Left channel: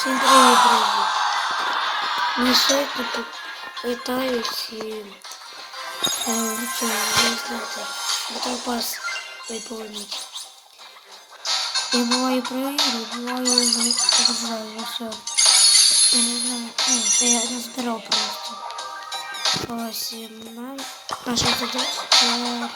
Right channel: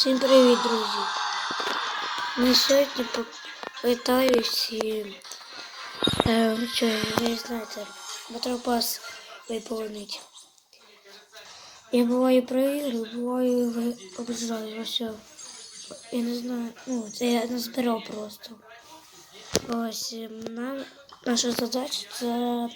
Всім привіт, друзі! Ну, сьогодні питаюсь і е, що, ви знаєте, Battle Pass виповнити. Я буваю проіграю, буваю розвиваю, ну все. Я не знаю, ну, я не збирав просто. Ось, і нам, наша задача це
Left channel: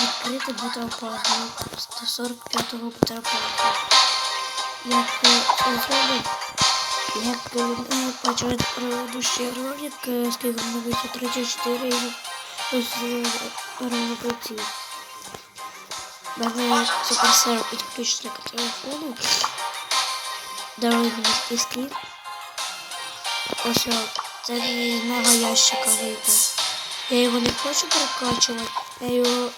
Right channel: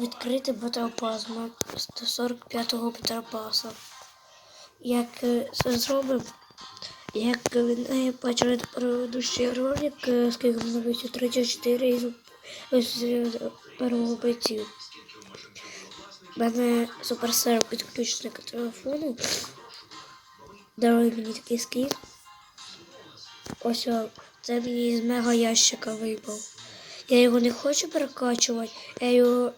відкрити Battle Pass, ну, 145-го Battle Pass. Як е, зробить, як е, ми бачили предыдущий ролик, скільки воно вийшло 34 і ось робити. У мене суперсер підключений к телефону. Даруй мені такий скін. Ось це мені з мега ящика випав. Я його не хочу перекачувати, я його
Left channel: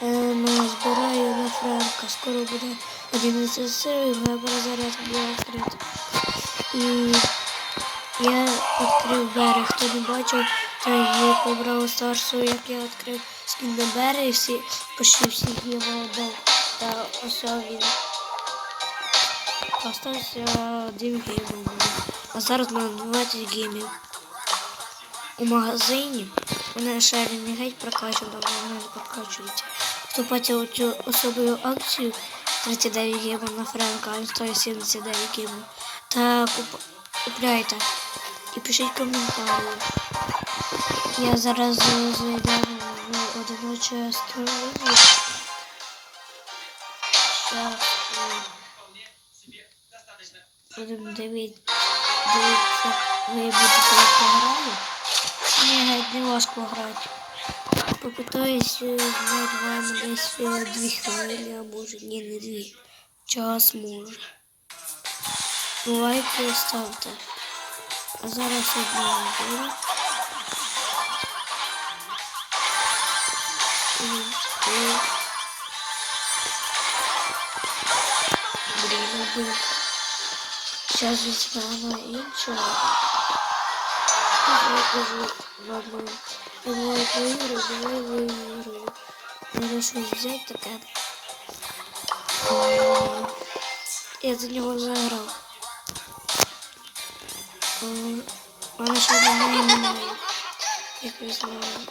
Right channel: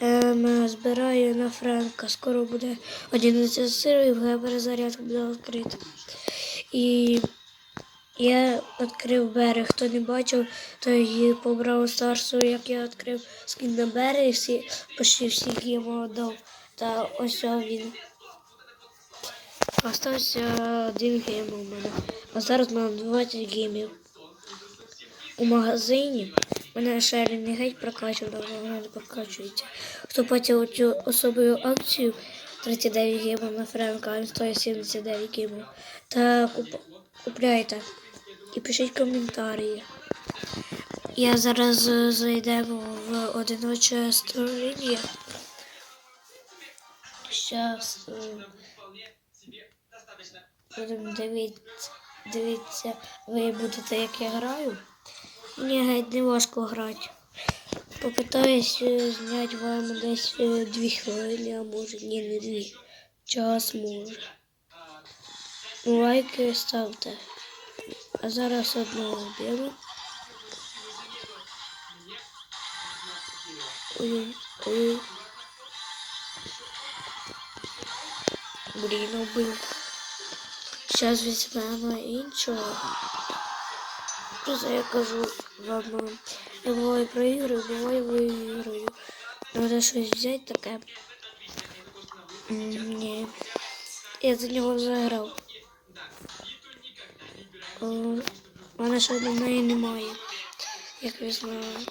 ем, збираю на Френка. Скоро буде 11 серій, вже перезарядка буде відкрита. І я відкрив берег. Хто не бачив, той побрав Старсу, як я відкрив скін на берег, всі, почти всіх його дав. Та ось він. Остався один гейм у мене. А зараз на 20 геймів. У магазині мене ще геть прокачав, давно вона не прокачується. Хто бачив цю особливу акцію 39 геймів на Френка, а він стоїть 79. Та куп... купляйте і пишіть коментарі. Я зараз е, зайдемо в одиноче створіння. Зараз будемо дивитися, дивитися, ви будете як я граю. Геть не важко грати. Попитаюсь е, зняти вам десь е, дві хвилини, а може ні, не дві. Час може. Лайки ставте. А зараз одну беру. І, і... Блін, убив. Зараз візьмемо іншого. Я кажу вам, буває проіграю, буває виіграю. Треба щось взяти таке. Ні. Я за нього заграв. О, У мене ще немає немає. Як ви знали.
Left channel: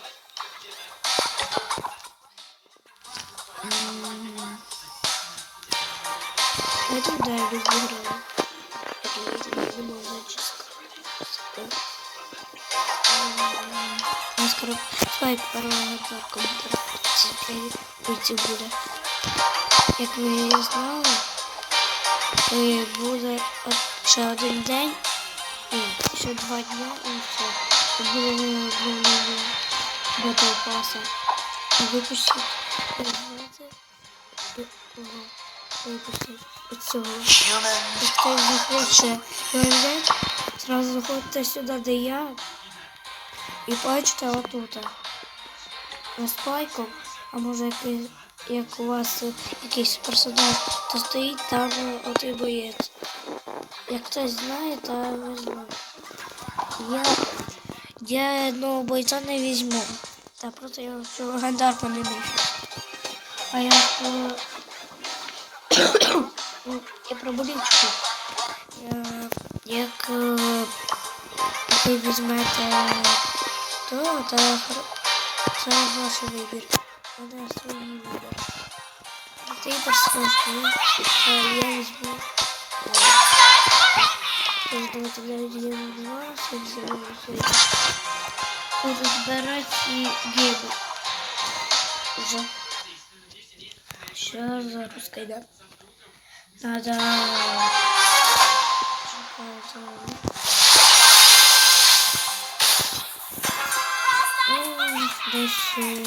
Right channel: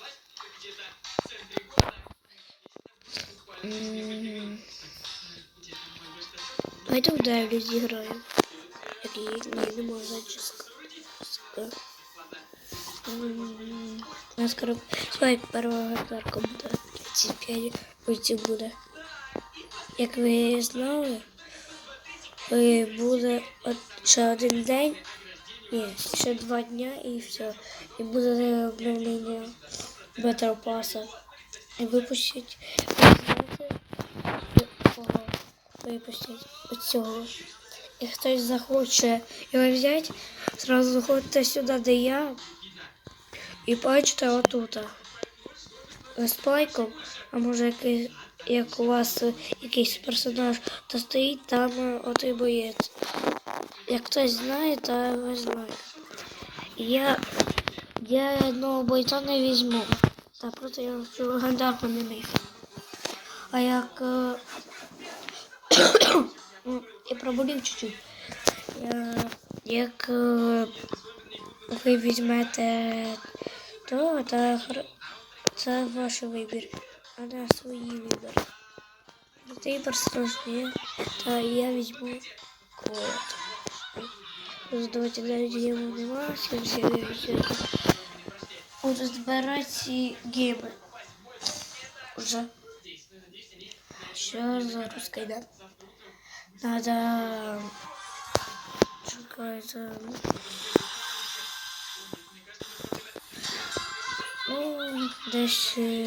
М. Ми тут далі зіграли. Як я не можу зачіска. Скоро спать первого комп'ютера. Ці буде. Як ви знали, то буде от ще один день, ні, ще два дня і все. І буде обновлення Battle Pass. Випустять. Випустять оцього. Як хтось захоче його взяти, зразу заходите сюди, я. І бачите отут. З пайком, а може якийсь, як у вас е, якийсь персонаж, то стоїть там е, отой боєць. Як хтось знає, то ви знаєте. Я, я одного бойця не візьму. Та просто я вже легендарку не міг. А як е, ну, я пробудив чуть. Я, як ви візьмете то, то хр- це ваш вибір. А не свій вибір. Ти персонаж є, а я візьму. о, Тож давайте навіть я називалася, взяли взяли. Буду збирати і геймер. Уже. Сейчас запускай, да? Надо... Чекайте. Ну, десь... е,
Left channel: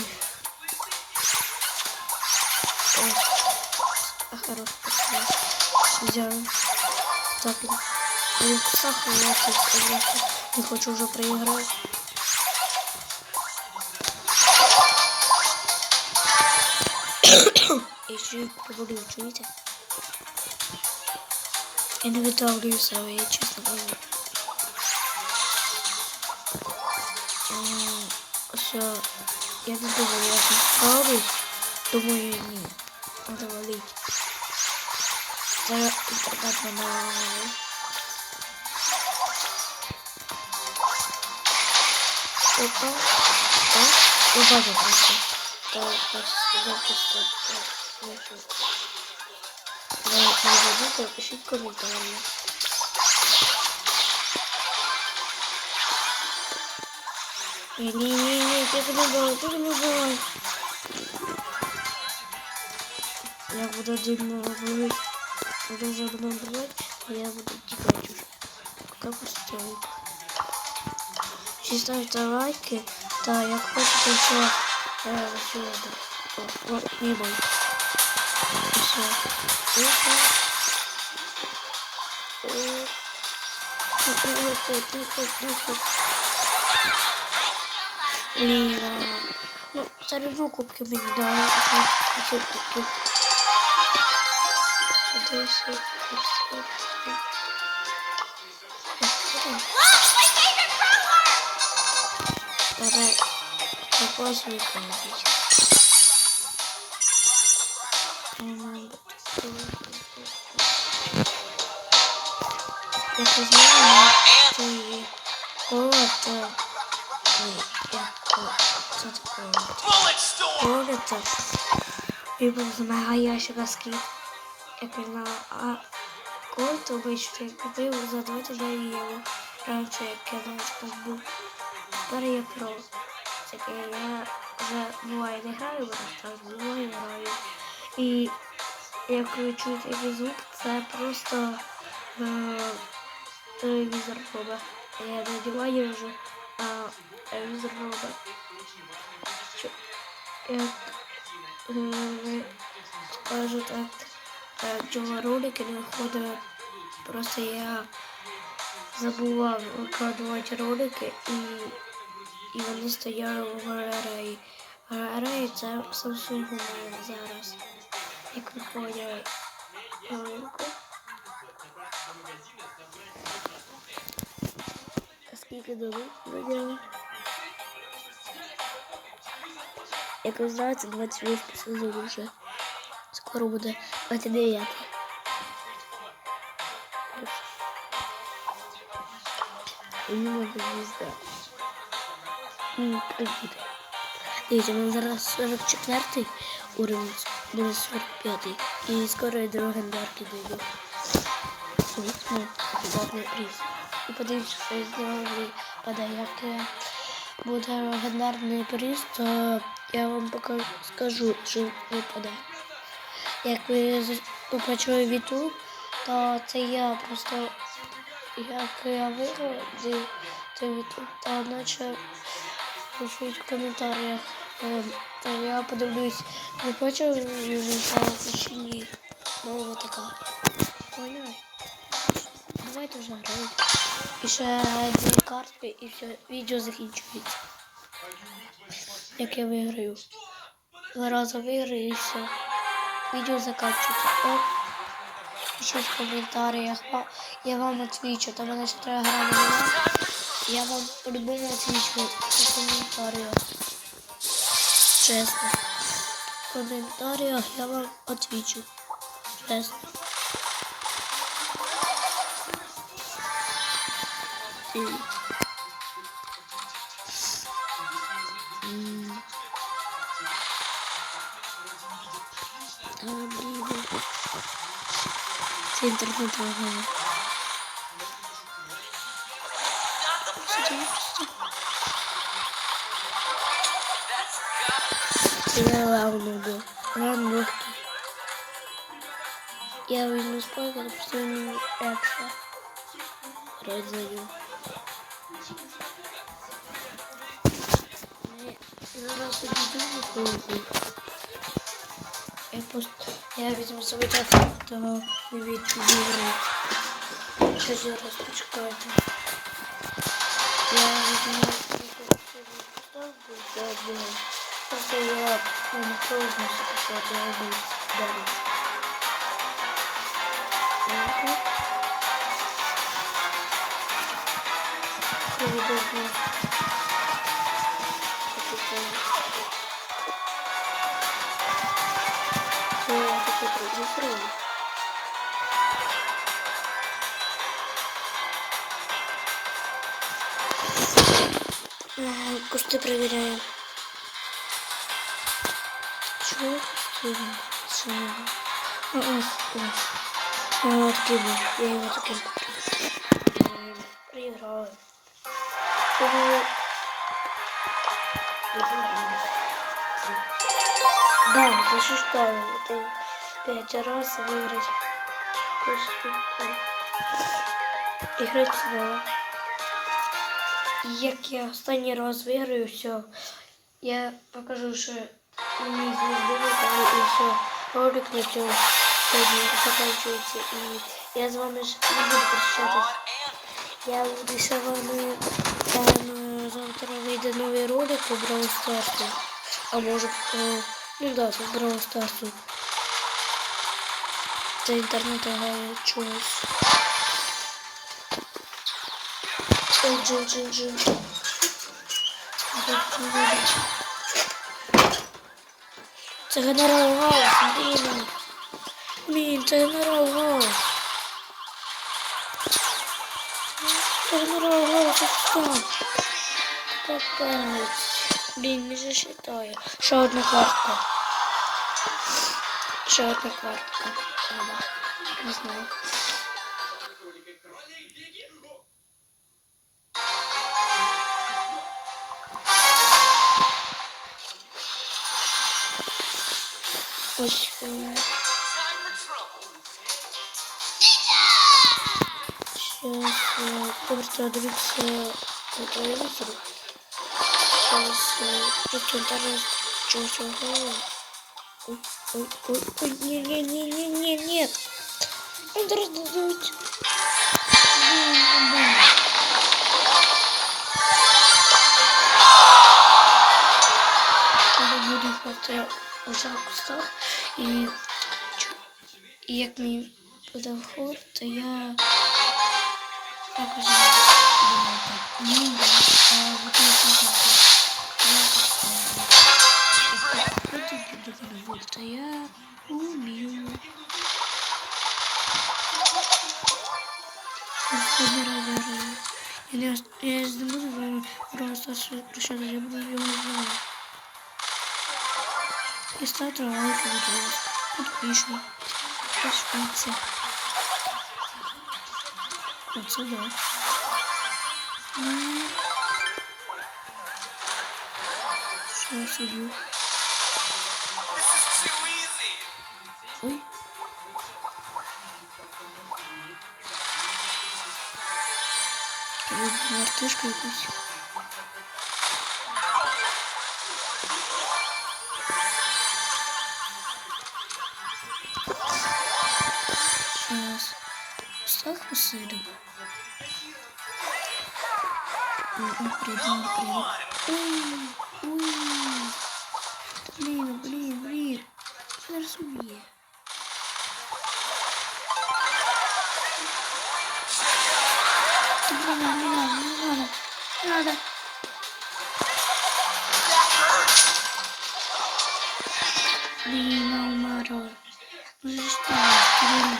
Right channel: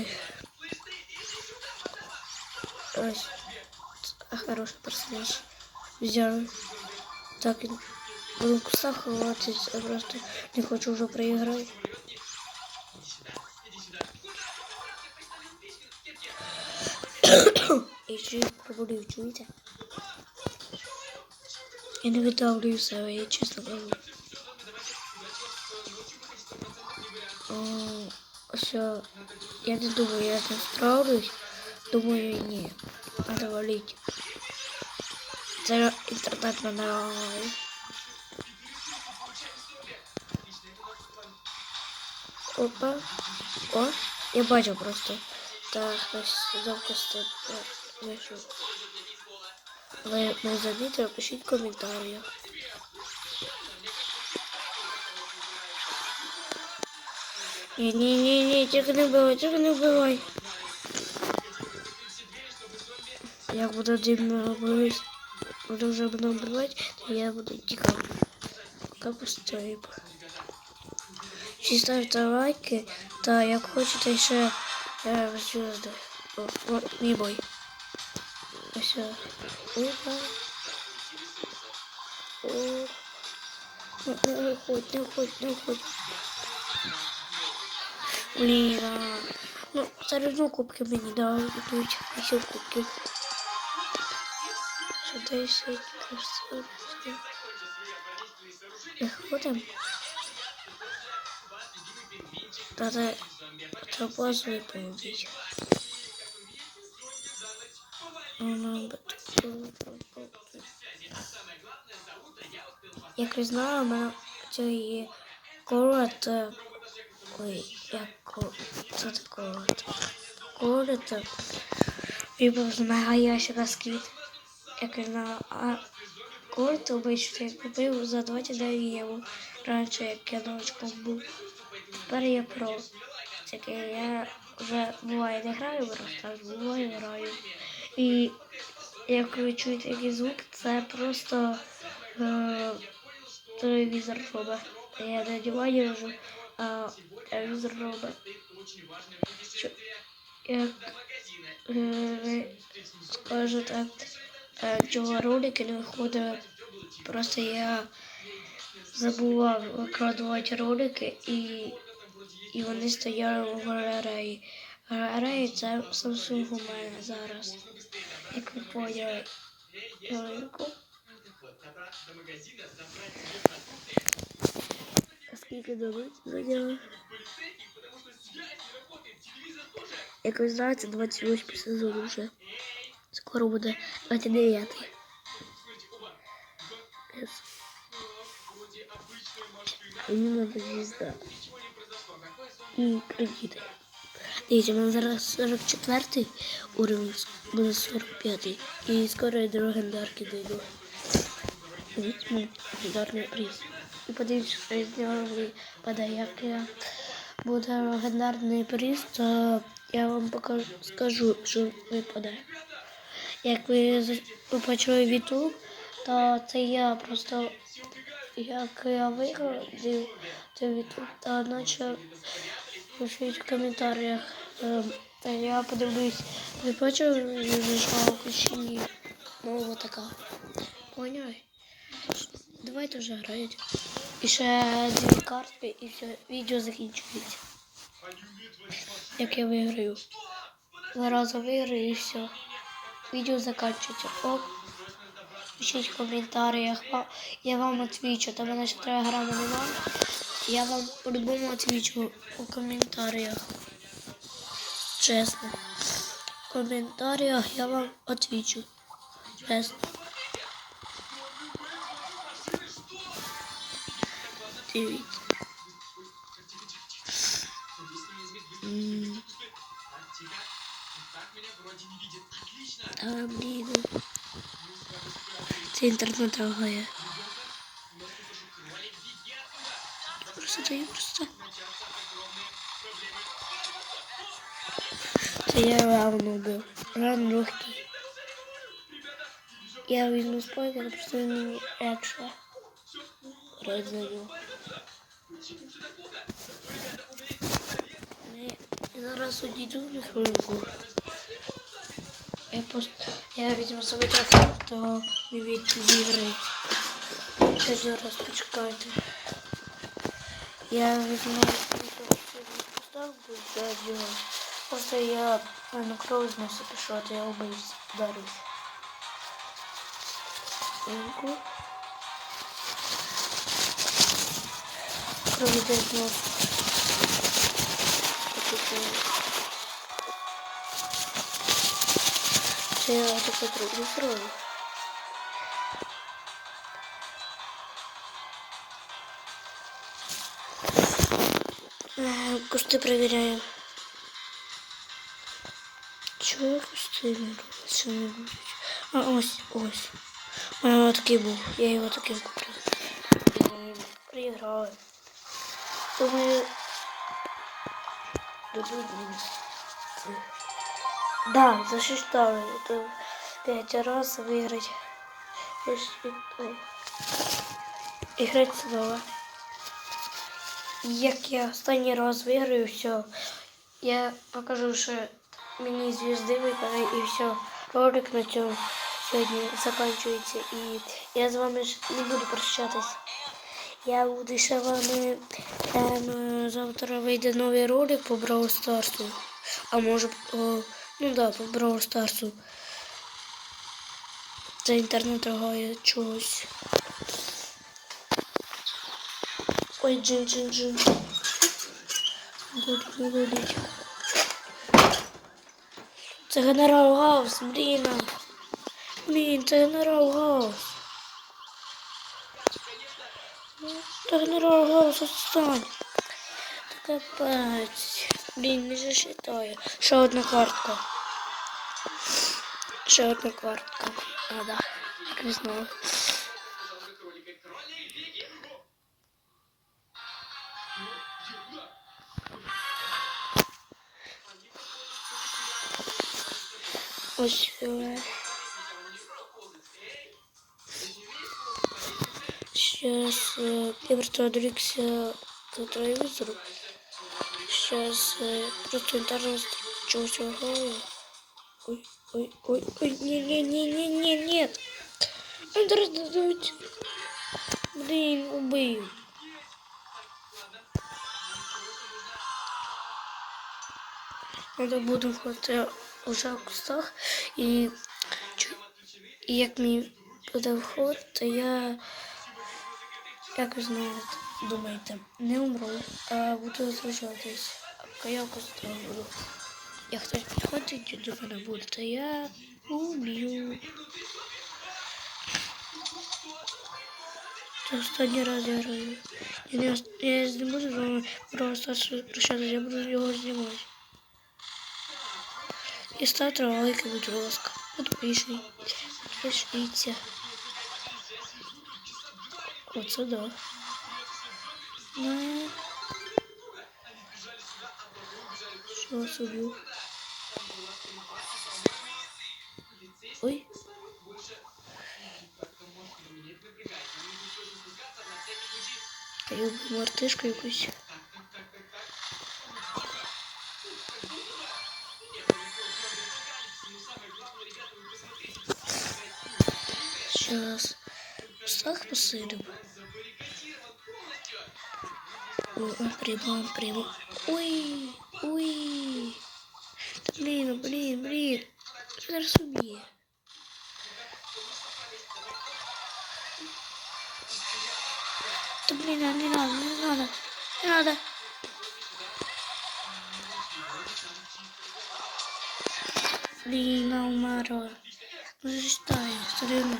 Ось. А хороший персонаж. Взяли. Так, він кусах ховатися, я просто не хочу вже проіграти. І ще побудую, чуєте? Я не видавлюю себе, я чесно кажу. все. Я не думаю, я не справлюсь. Думаю, нет. Надо валить. За интернет на Опа. О, убавил просто. Так, завтра стоит. Значит, на, на, на, на, на, на, Не-не-не, тихо не убивай, тихо не убивай. Я буду один боюсь. Буду вже буду убивать, то я буду тихо. Пока постою. Чи ставте лайки, та як хочете ще е, сюди. О, о, не бой. І все. Опа. О. Ну, Не виходь, не виходь, не виходь. Блін, ну, все кубки мені. Сюди все, все, все. Що там? Давай запас выполнить. Як ви знали, на цій колот, ой, як це таке колот, вибрав з мега ящика скіт. Як ви а колот обично я купив за 29 євро. Раніше як я новичком був. Тепер я про. Таке я вже буває не граю так буває граю. І як ви чуєте який звук, це просто е, телевізор робить. Я надіваю вже, а телевізор. Що, як е, скажу так, е, чого ролики не виходили, просто я забував викладувати ролики і, і вони стояли в галереї. Галерея це Samsung у мене зараз. Як ви. Ялинку. Скільки за Як ви знаєте, 28 сезон вже. Скоро буде 29. Іменно звізда. І привіти. Дивіться, у зараз 44-й уровень, буде 45-й. І скоро я до легендарки дойду. Візьму легендарний приз. І подивіться, що я зробив, падає, як я буде легендарний приз, то я вам покажу, скажу, що випаде. Як ви почули в YouTube, то це я просто як я виграв цей YouTube, та наче пишіть в коментарях. Ем, Та я подивлюсь, ви бачили жалко чи ні? Ну, от така. Поняли? Давайте вже грають. І ще дві карти і все, відео закінчується. Як я виграю. Два рази виграю і все. Відео закінчується. Оп. Пишіть в коментарях. Я вам отвічу. Там мене ще телеграми нема. Я вам по-любому отвічу в коментарях. Чесно. В коментарях я вам отвічу. Чесно. Дивіться. Та блін. Це інтернет лагає. Я лавну був. Ран легкий. Я візьму спойку, але просто він мені легше. Роздаю. Зараз одійду на хвилинку. Я просто я візьму собі час, то не відчуваю. Ще зараз почекайте. Я візьму поставку за день. Просто я на кровзнуся пішла, то я обився далі. Ого. Проведення. Це таке продюсером. Е, Кусти перевіряємо. Чого кусти? Що? А, ось, ось. А, такий був. Я його таким куплю. Е, Проіграли. Тому... Да, засчитали. Это пять раз выиграть. Играть снова. Як я останній раз виграю, все. Я покажу, що мені випали і все. Ролик на цьому сьогодні закінчується. І я з вами не буду прощатись. Я буду ще вами ем, завтра вийде новий ролик по Brawl Старсу. А може, по, ну да, по Brawl Старсу. Це інтернет лагає чогось. Ой, джин, джин, джин. Це генерал Гаус, блін. Блін, це генерал Гаус. Це генерал Гаус, отстань. Капець. Блін, не засчитаю. Ще одна картка. Ще одна картка. А, да. Не знаю. Ось. е, Сейчас э, просто отвлекся на э, просто интернет чего-то Ой, ой, ой, ой, не, не, не, не, не, нет. Интернет дадуть. Блин, блин. Коли буду проти уже в кустах і, і як мені буде виходити, то я також не думайте, не умру, а буду казати. Я мене буде, я уб'ю. Останній раз я. Я я не буду вами просто прощатися, я буду його знімати. І ставте лайки, будь ласка. Підпишіть. Підпишіться. Оце да. Ну. Що собі? Ой. Я мартишку якусь. Сейчас. Сах посыдем. Ой, он прибыл, он прибыл. Ой, Да блин, блин, блин. Зараз убье. Да блин, не надо, не надо, не надо. Блин, а уморал. Ну что, блин.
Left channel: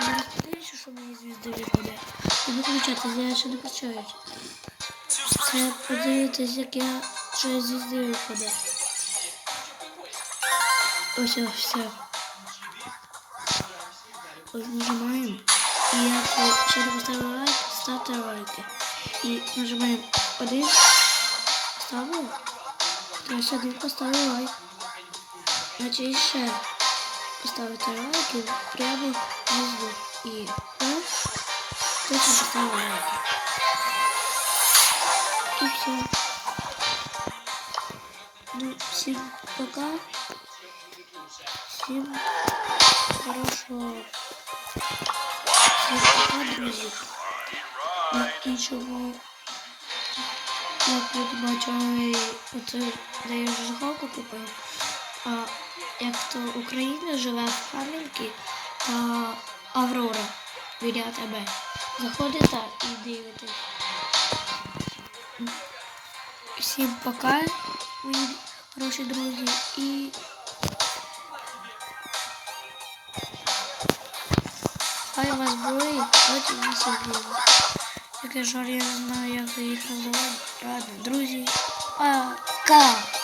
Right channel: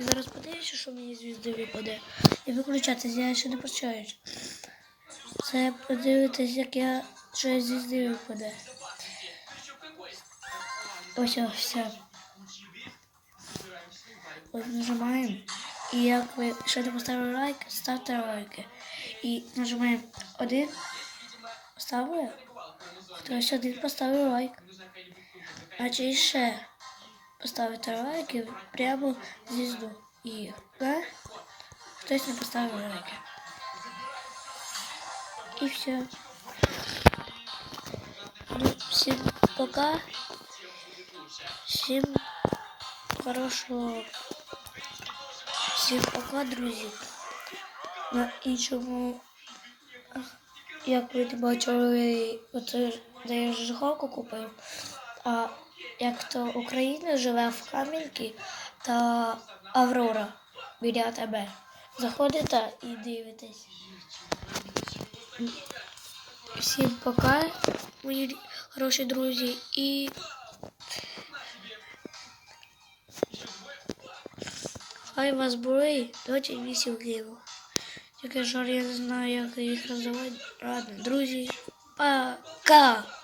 Зараз подивишся, що мені звізди випаде. І виключати, я ще не прощаюсь. Це подивитись, як я що звізди випаде. Ось ось все. Ось нажимаємо. І як ще не поставили лайк, ставте лайки. І нажимаємо один. Ставили? Хтось один поставив лайк. Значить ще поставити лайки прямо внизу. І раз, точно поставили лайки. І все. Ну, всем пока. Всем хорошего. Всем пока, друзі. На іншому, ви бачили, оце, де я жигалку купив. А як то Україна живе в Кам'янці та Аврора біля тебе. Заходите і дивитесь. Всім пока, мої хороші друзі, і хай вас болить 28 гривень. Таке я не знаю, як їх називати. Ладно, друзі. Пока!